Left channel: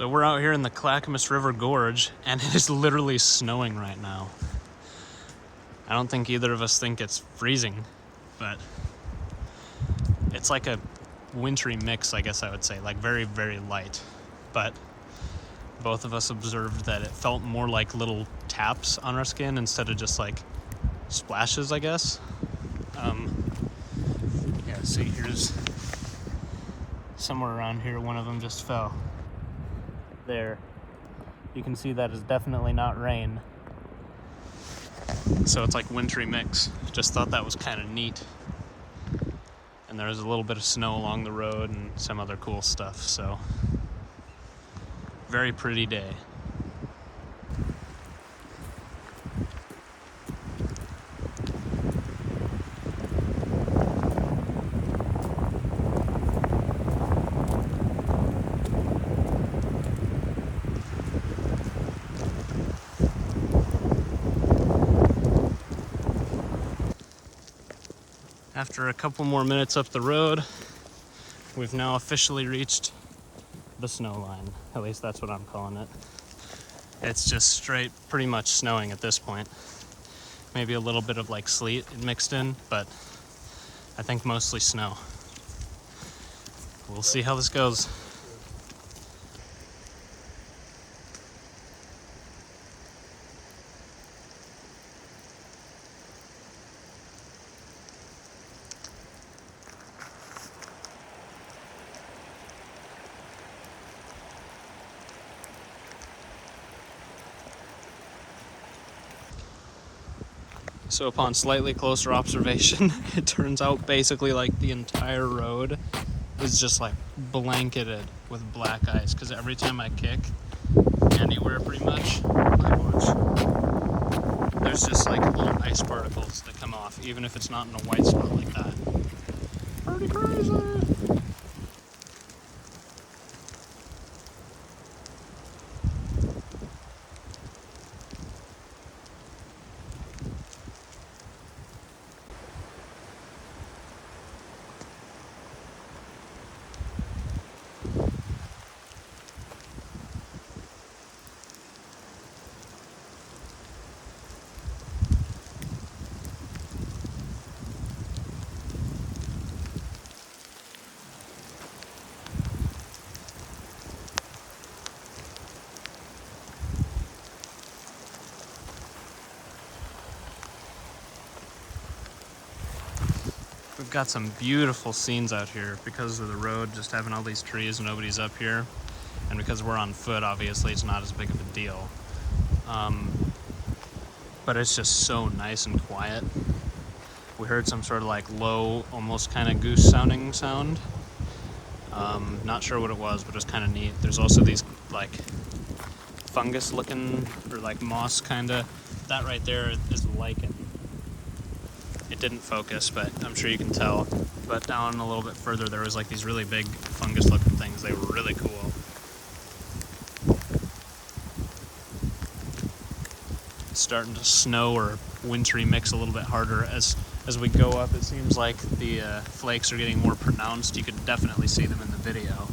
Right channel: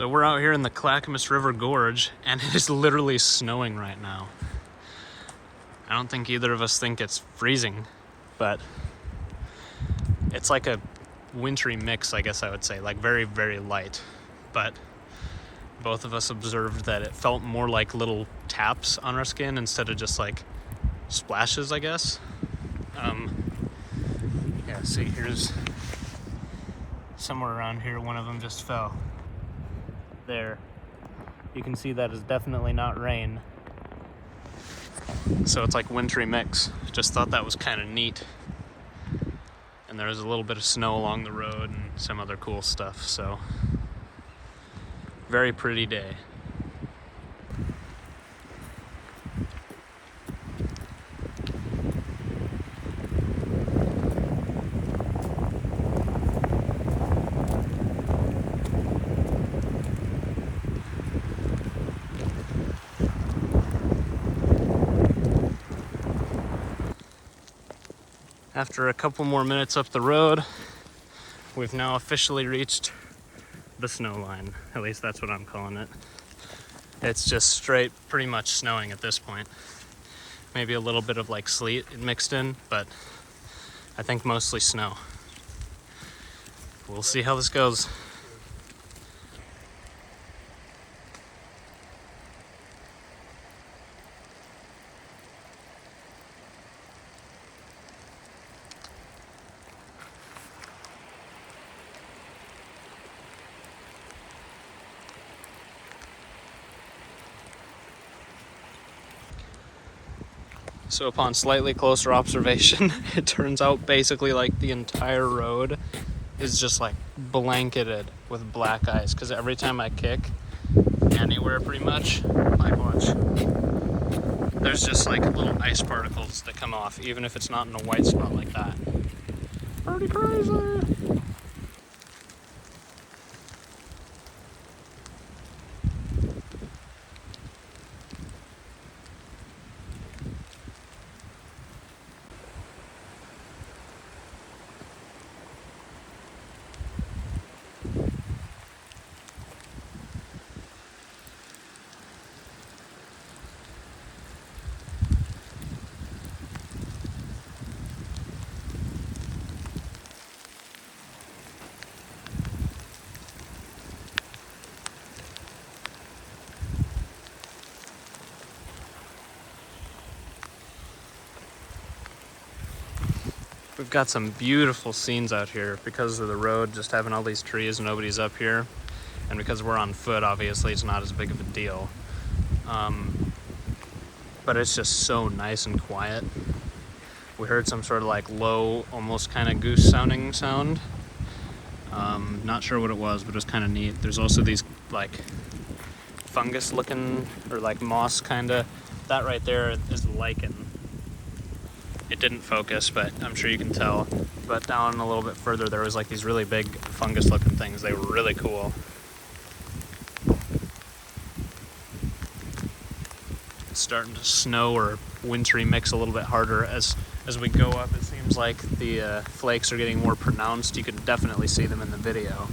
So we're out here in the Clackamas River Gorge, and it is literally snowing right now. I don't think either of us think it's freezing, but it's like a wintry mix, I guess I would say, like very, very light. But both of us observed that it felt more like little taps on our skin instead of just like splashes, I guess. Yeah, see, here's somewhere around here, one of them just fell. There. You can see that is definitely not rain. So it's like wintry mix. Just thought that was kind of neat. And there was a little bit of snow along the road and some other cool stuff, so very pretty day. After a couple more minutes up the road, we've now officially reached the snow line. At least that's what I'm calling it. It's just straight, pretty much snowing at this point. Maybe a little bit of like sleet mixed in, but I think mostly snow. We'll see how this goes. So upon slightly closer observation, it turns out basically like the entire road is just like blanketed with black ice, because every time I kick anywhere pretty much, like watch, there's just like little ice particles that come off, even if it's not in a white spot like that. Pretty crazy. We've got some beautiful scenes out here because of the road, just having all these trees and nobody's up here. And because we're on foot, obviously it's not as big of a deal. But it's just so nice and quiet. We heard some sort of like low, almost kind of goose sounding sound. Not sure what it was, but it was kind of neat. There's also these like fungus looking, or like moss kind of. That right there is lichen. It didn't focus, but I'm sure you can tell. But down a little bit further, there was like these really big fungus-looking things. They were really cool. It's starting to snow or wintry mix a little bit harder as we go up. It seems like the flakes are getting more pronounced. You can definitely see them in the video.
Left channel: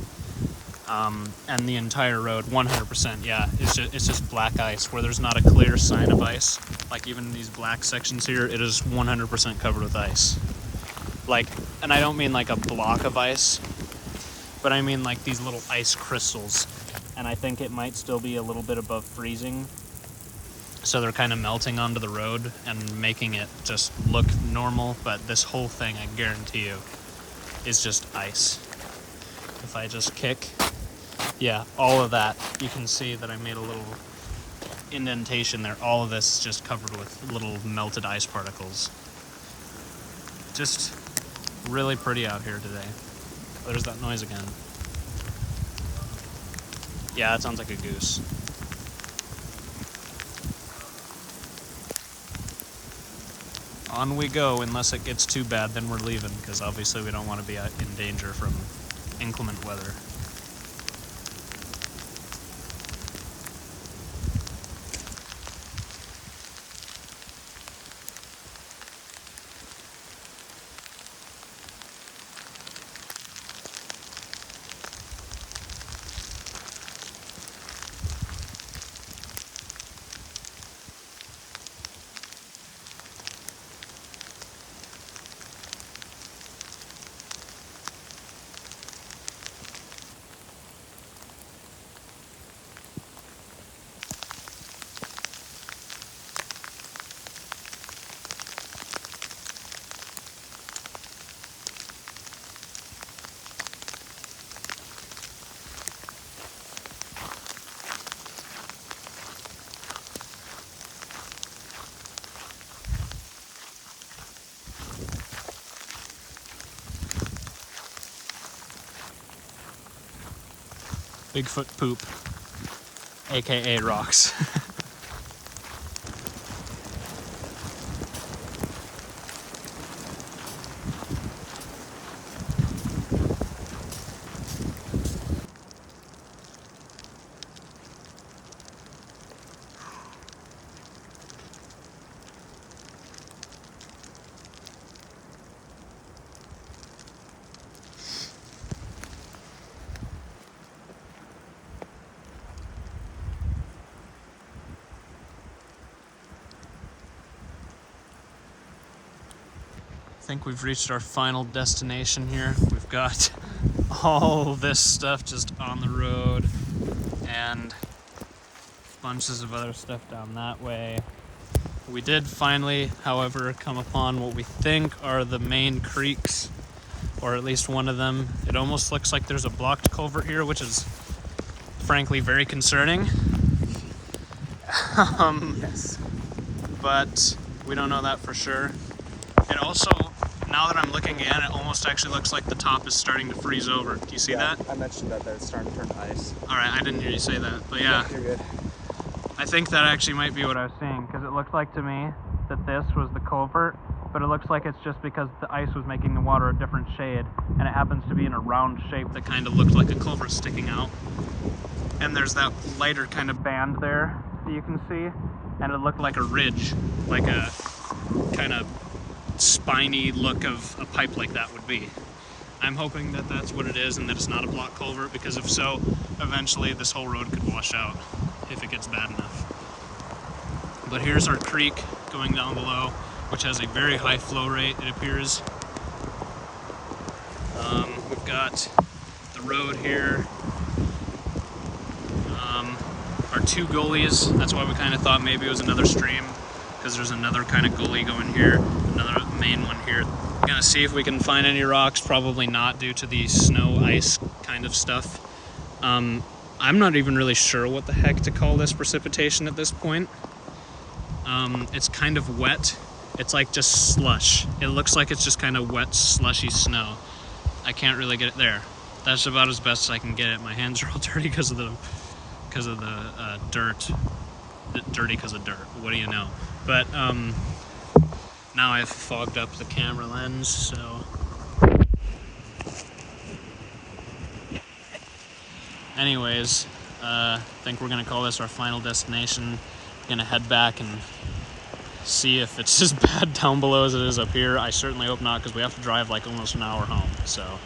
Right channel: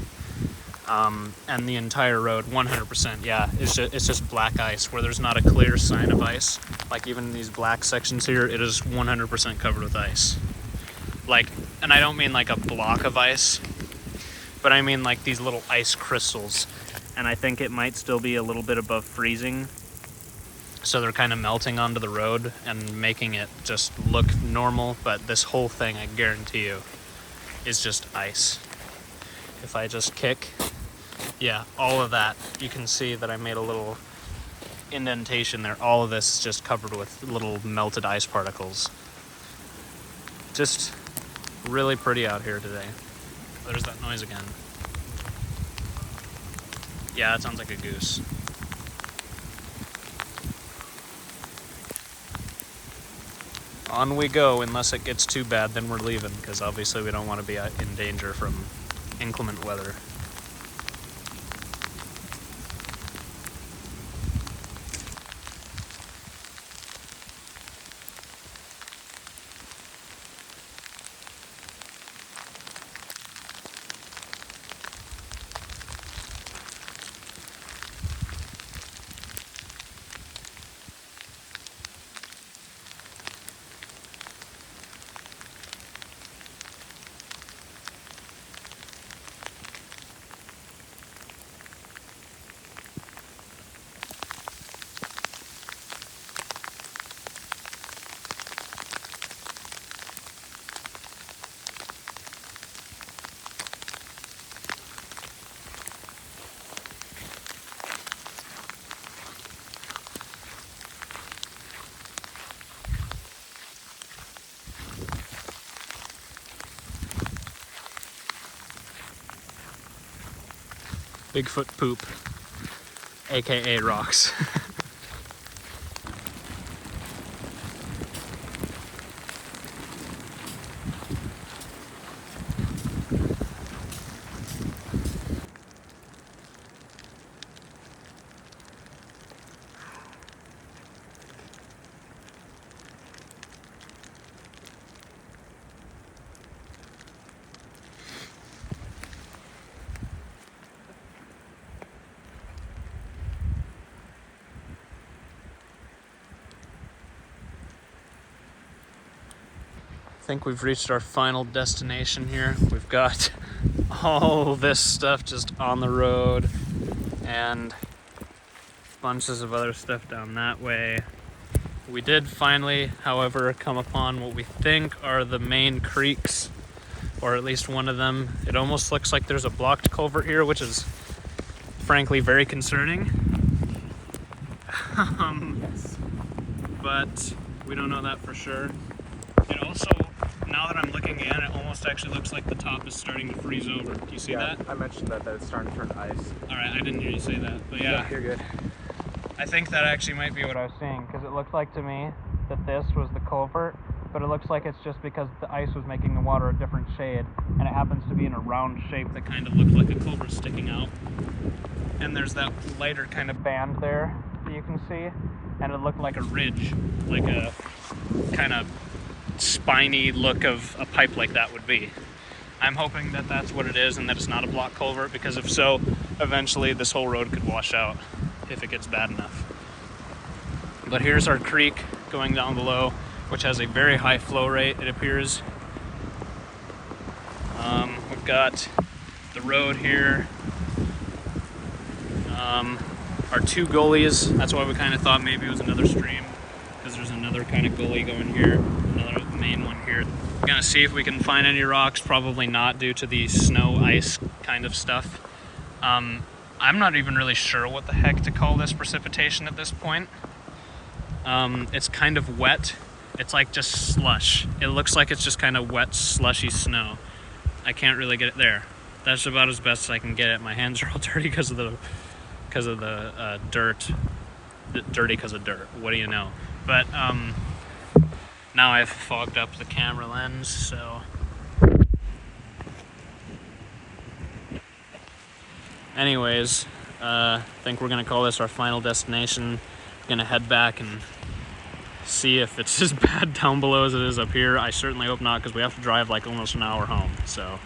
And the entire road, 100%, yeah, it's just black ice where there's not a clear sign of ice. Like even in these black sections here, it is 100% covered with ice. Like, and I don't mean like a block of ice, but I mean like these little ice crystals. And I think it might still be a little bit above freezing. So they're kind of melting onto the road and making it just look normal. But this whole thing, I guarantee you, is just ice. If I just kick, yeah, all of that, you can see that I made a little indentation there. All of this is just covered with little melted ice particles. Just really pretty out here today. Oh, there's that noise again. Yeah, it sounds like a goose. On we go, unless it gets too bad, then we're leaving, because obviously we don't want to be in danger from inclement weather. Bigfoot poop, aka rocks. I think we've reached our final destination here. We've got all this stuff just on the road and bunches of other stuff down that way. We did finally, however, come upon what we think are the main creeks, or at least one of them. It almost looks like there's a blocked culvert here, which is frankly very concerning. But we don't know that for sure. It also, now that I'm looking at it, it almost actually looks like the top is starting to freeze over. Do you see that? I mentioned that it's starting to turn to ice. Alright, I didn't hear you say that, but yeah. You're good. I think that actually might be what I was seeing, because it looked like to me that this was the culvert, but it looks like it's just because the ice was making the water a different shade, and it happens to be in a round shape that kind of looked like a culvert sticking out. And there's that lighter kind of band there that you can see, and it looked like a ridge, like a kind of spiny look of a pipe like that would be. I'm hoping that that's what it is and that it's not a block culvert, because if so, eventually this whole road could wash out if it gets bad enough. But here's our creek going down below, which has a very high flow rate, it appears. We've got the road here, our two gullies. That's why we kind of thought maybe it was another stream, because there's another kind of gully going here, another main one here. We're gonna see if we can find any rocks. Probably not, due to the snow ice kind of stuff. I'm not even really sure what the heck to call this precipitation at this point. It's kind of wet. It's like just slush. It looks like it's just kind of wet, slushy snow. I can't really get it there. That's about as best as I can get it. My hands are all dirty because of the dirt. Dirty because of dirt. What do you know? But now I've fogged up the camera lens, so. Anyways, I think we're gonna call this our final destination. We're gonna head back and see if it's as bad down below as it is up here. I certainly hope not, because we have to drive like almost an hour home, so.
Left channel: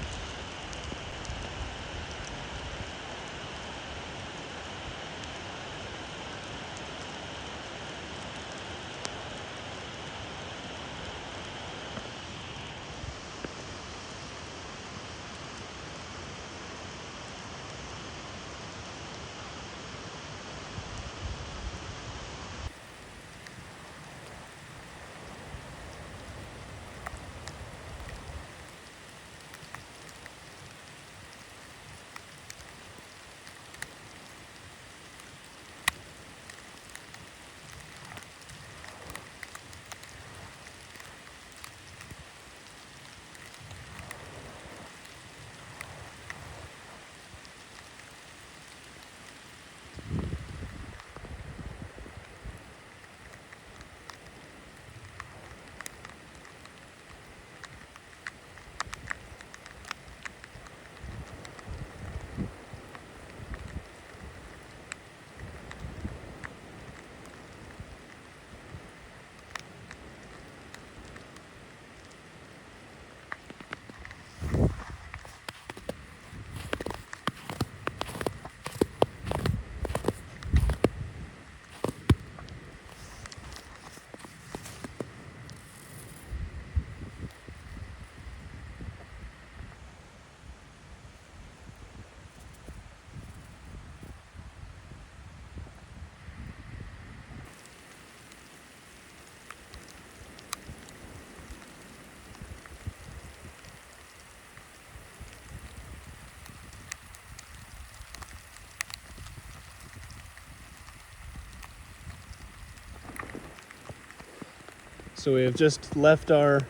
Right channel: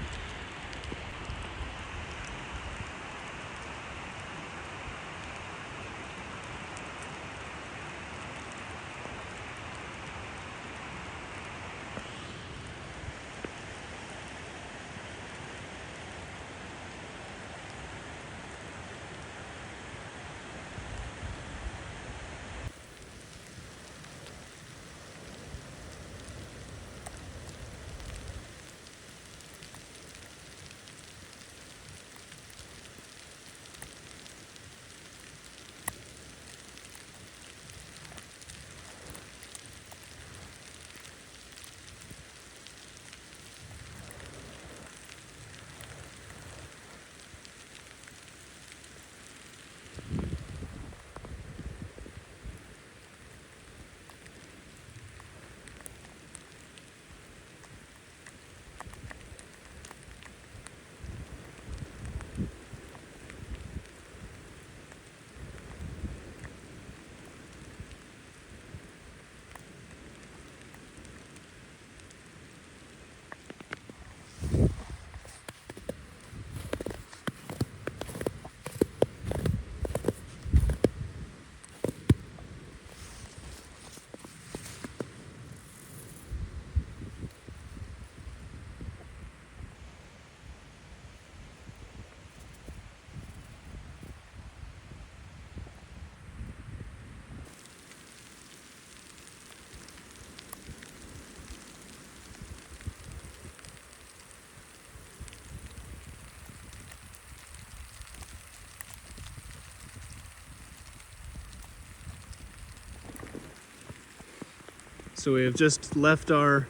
So we have just left our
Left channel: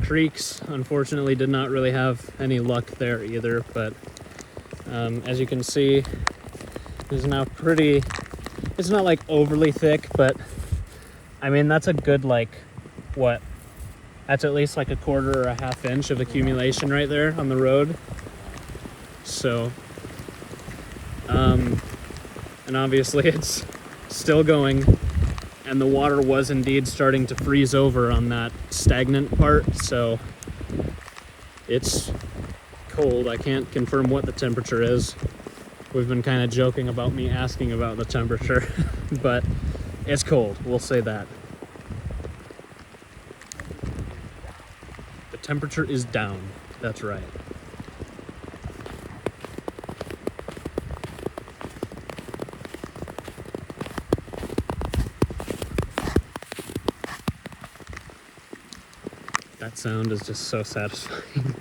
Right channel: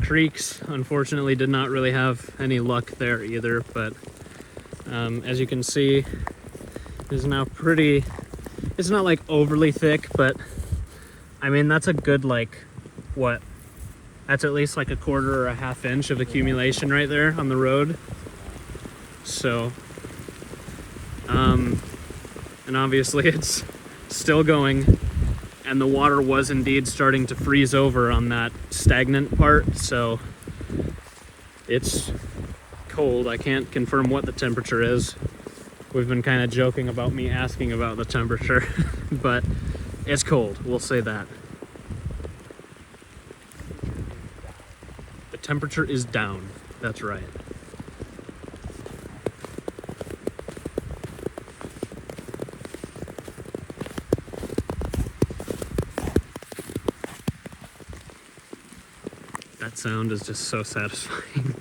creeks. Unfortunately, did not really have any luck there either, but as you can see, is now pretty, it's not like overly thick, but I mean, that's a good, like, what? That's at least like a quarter or a half inch of accumulation right there on the road. So, and obviously it's still going, and the water was indeed starting to freeze over on that stagnant part. So it's cold. I can't confirm what the temperature is. We've been kind of joking about me asking about the temperature, but it's cold, we'll say that. The temperature is down, that's right. That sound is just so satisfying.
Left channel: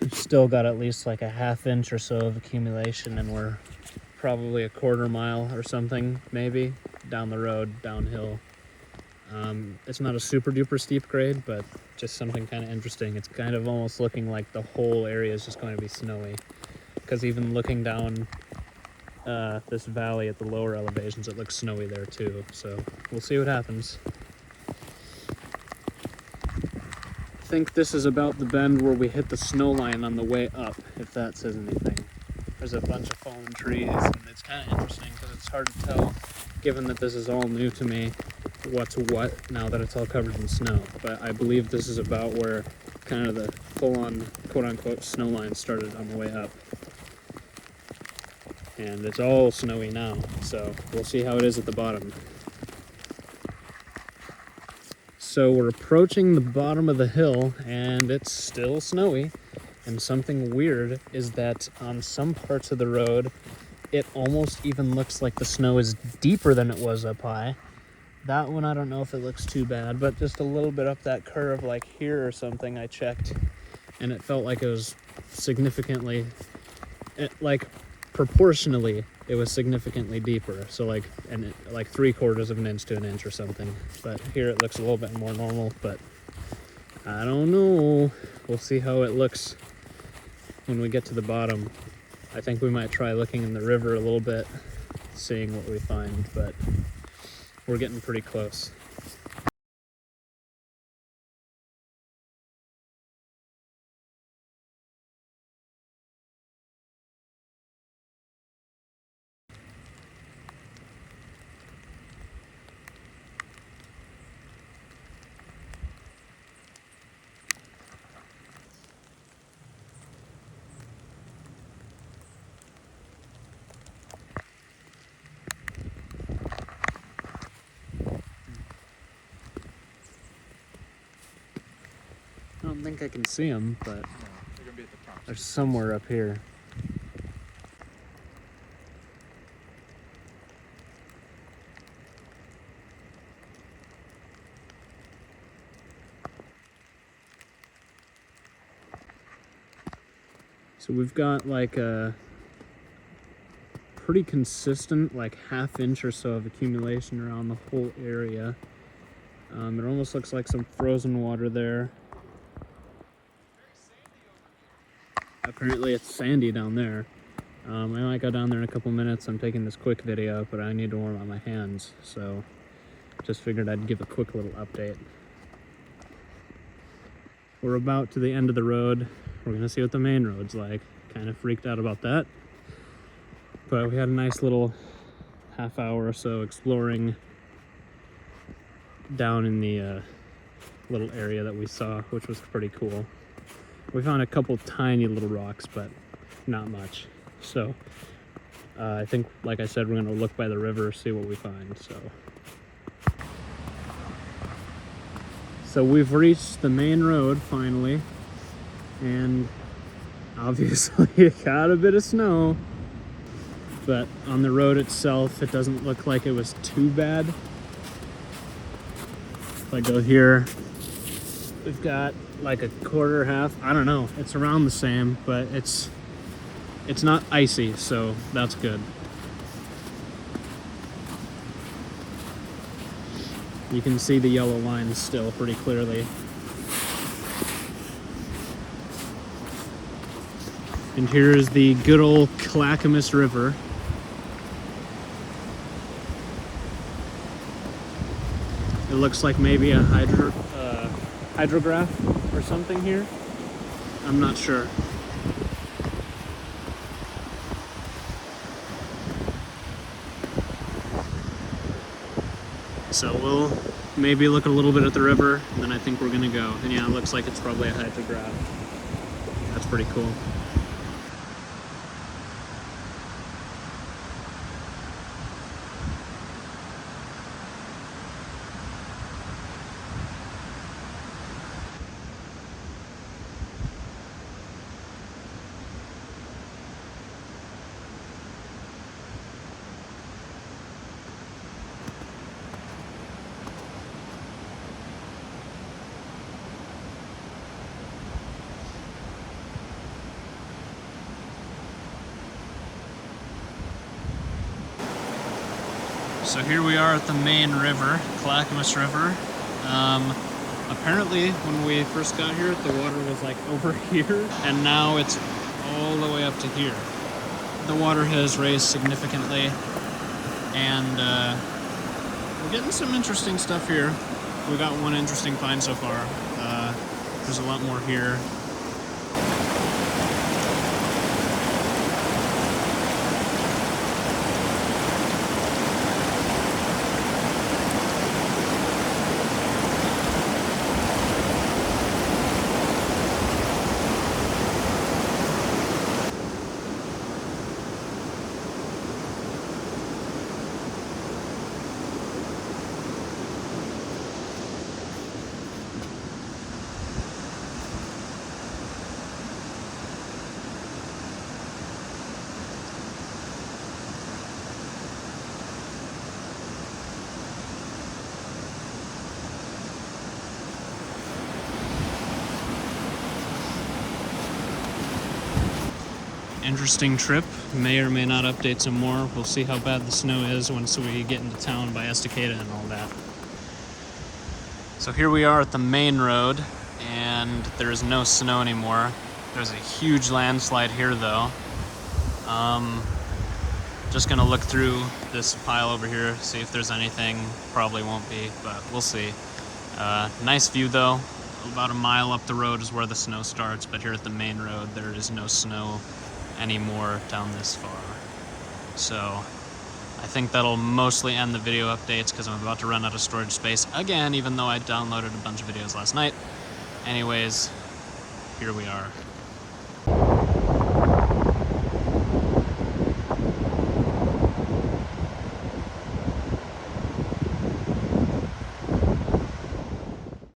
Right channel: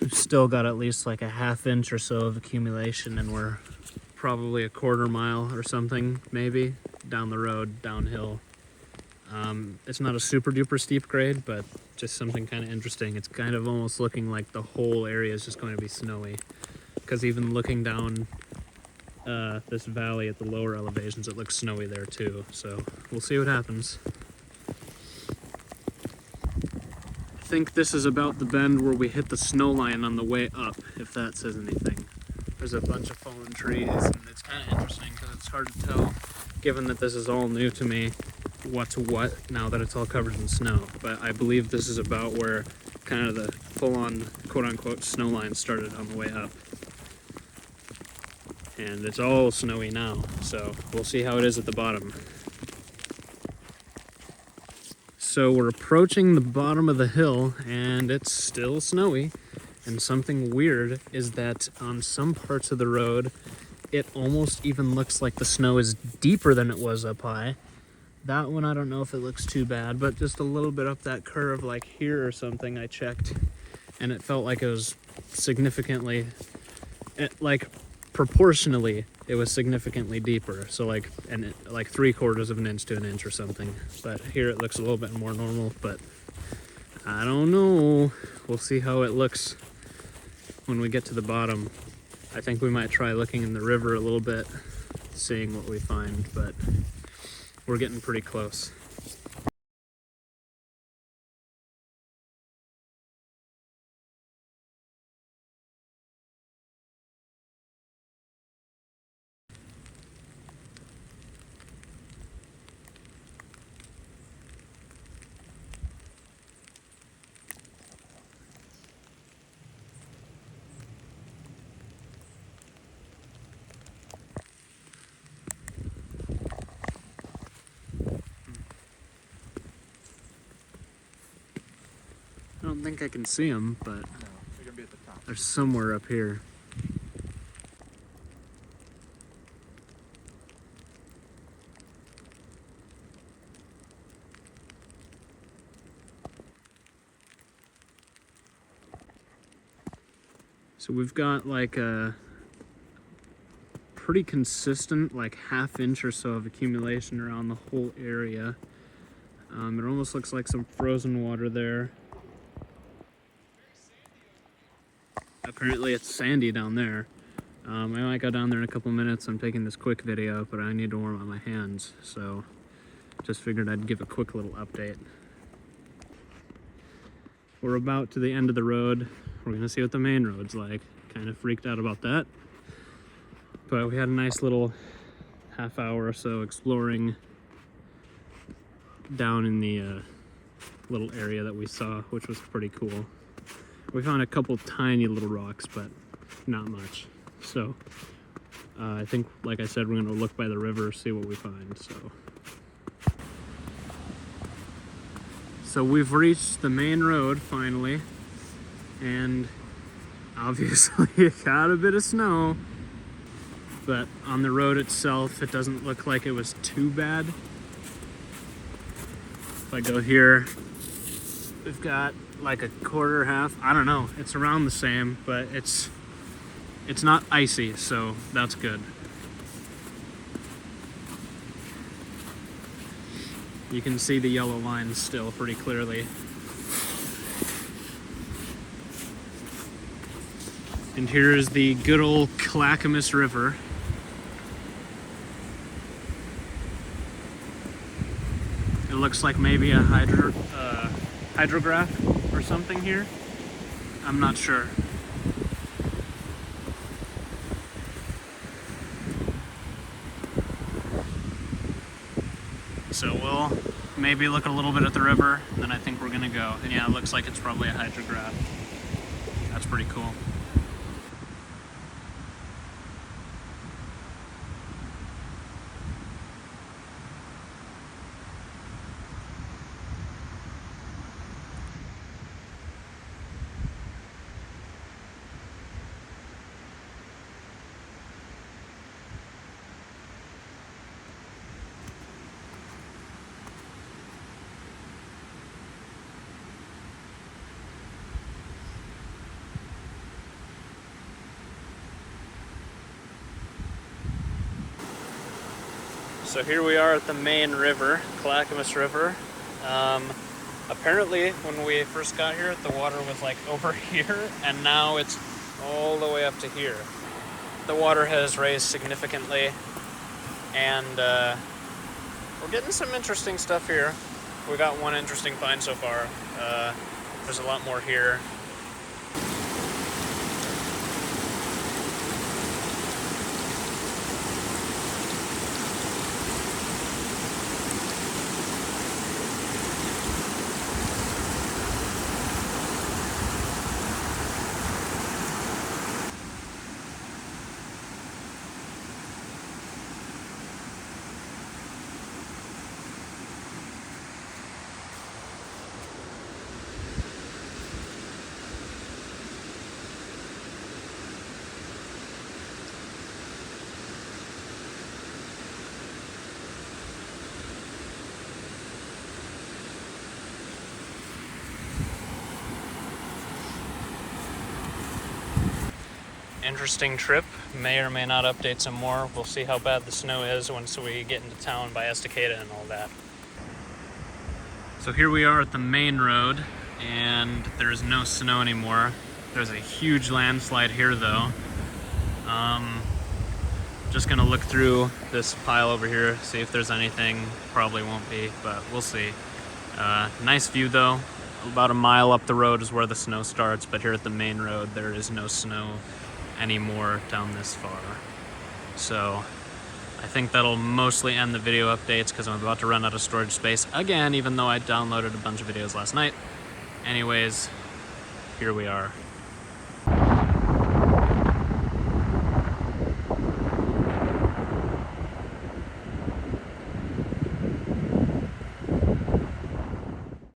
We've still got at least like a half inch or so of accumulation, and we're probably a quarter mile or something, maybe, down the road, downhill. It's not a super duper steep grade, but just something kind of interesting. It's kind of almost looking like the whole area is just going to be snowy, because even looking down this valley at the lower elevations, it looks snowy there too. So we'll see what happens. I think this is about the bend where we hit the snow line on the way up, if that says anything. There's a bunch of fallen trees, and it's kind of interesting because it's hard to tell, given that this is all new to me, what's what now that it's all covered in snow. But I believe this is about where kind of the full-on quote-unquote snow line started on the way up. And it's all snowy now, so we'll see how it is at the bottom. So we're approaching the bottom of the hill, and it's still snowy. And something weird is that on some parts of the road, it almost even looks like the snow is deeper than it was up high. That one, I don't know if it looks too bad, but just a little bit up that curve, like here or something, I checked, and it felt like it was significantly, like proportionally, it was significantly deeper. So like 3/4 of an inch to an inch or something. But here it looks a little bit more normal, but I don't know. We'll see how it looks when we get to the bottom. I think we might try looking in the river a little bit, seeing what we find, but we're getting pretty close. I don't think I can see them, but No, they're gonna be at the top. they're somewhere up here. So we've got like a pretty consistent, like half inch or so of accumulation around the whole area. It almost looks like some frozen water there. Apparently it's sandy down there. I might go down there in a couple minutes. I'm taking this quick video, but I need to warm up my hands, so just figured I'd give a quick little update. We're about to the end of the road. We're gonna see what the main road's like. kind of freaked out about that. But we had a nice little half hour or so exploring down in the little area that we saw, which was pretty cool. We found a couple tiny little rocks, but not much. So I think, like I said, we're gonna look by the river, see what we find. So we've reached the main road finally, and obviously it got a bit of snow, but on the road itself, it doesn't look like it was too bad. If I go here, we've got like a quarter, half, I don't know, it's around the same, but it's not icy, so that's good. You can see the yellow lines still pretty clearly. And here's the good old Clackamas River. It looks like maybe a hydrograph or something here. I'm not sure. So we'll maybe look a little bit at the river, then I think we're gonna go. And yeah, it looks like it's probably a hydrograph. That's pretty cool. So here we are at the main river, Clackamas River. Apparently, when we first got here, the water was like over here, and now it's all the way up to here. The water has raised significantly, and we're getting some interesting stuff here. We got one interesting find so far. There's a lot more here. Interesting trip. May or may not update some more. We'll see how bad the snow is once we get into town by Estacada and all that. So here we are at the main road, and there is no snow anymore. There's a huge landslide here though. Just gonna look through this pile over here, see if there's anything. Probably won't be, but we'll see. Nice view though. About a mile up the road is where the snow starts, but here at the main road there is no snow anymore down this far. So I think that'll mostly end the video updates because I'm about to run out of storage space again, even though I downloaded a bunch of videos last night. Anyways, here we are.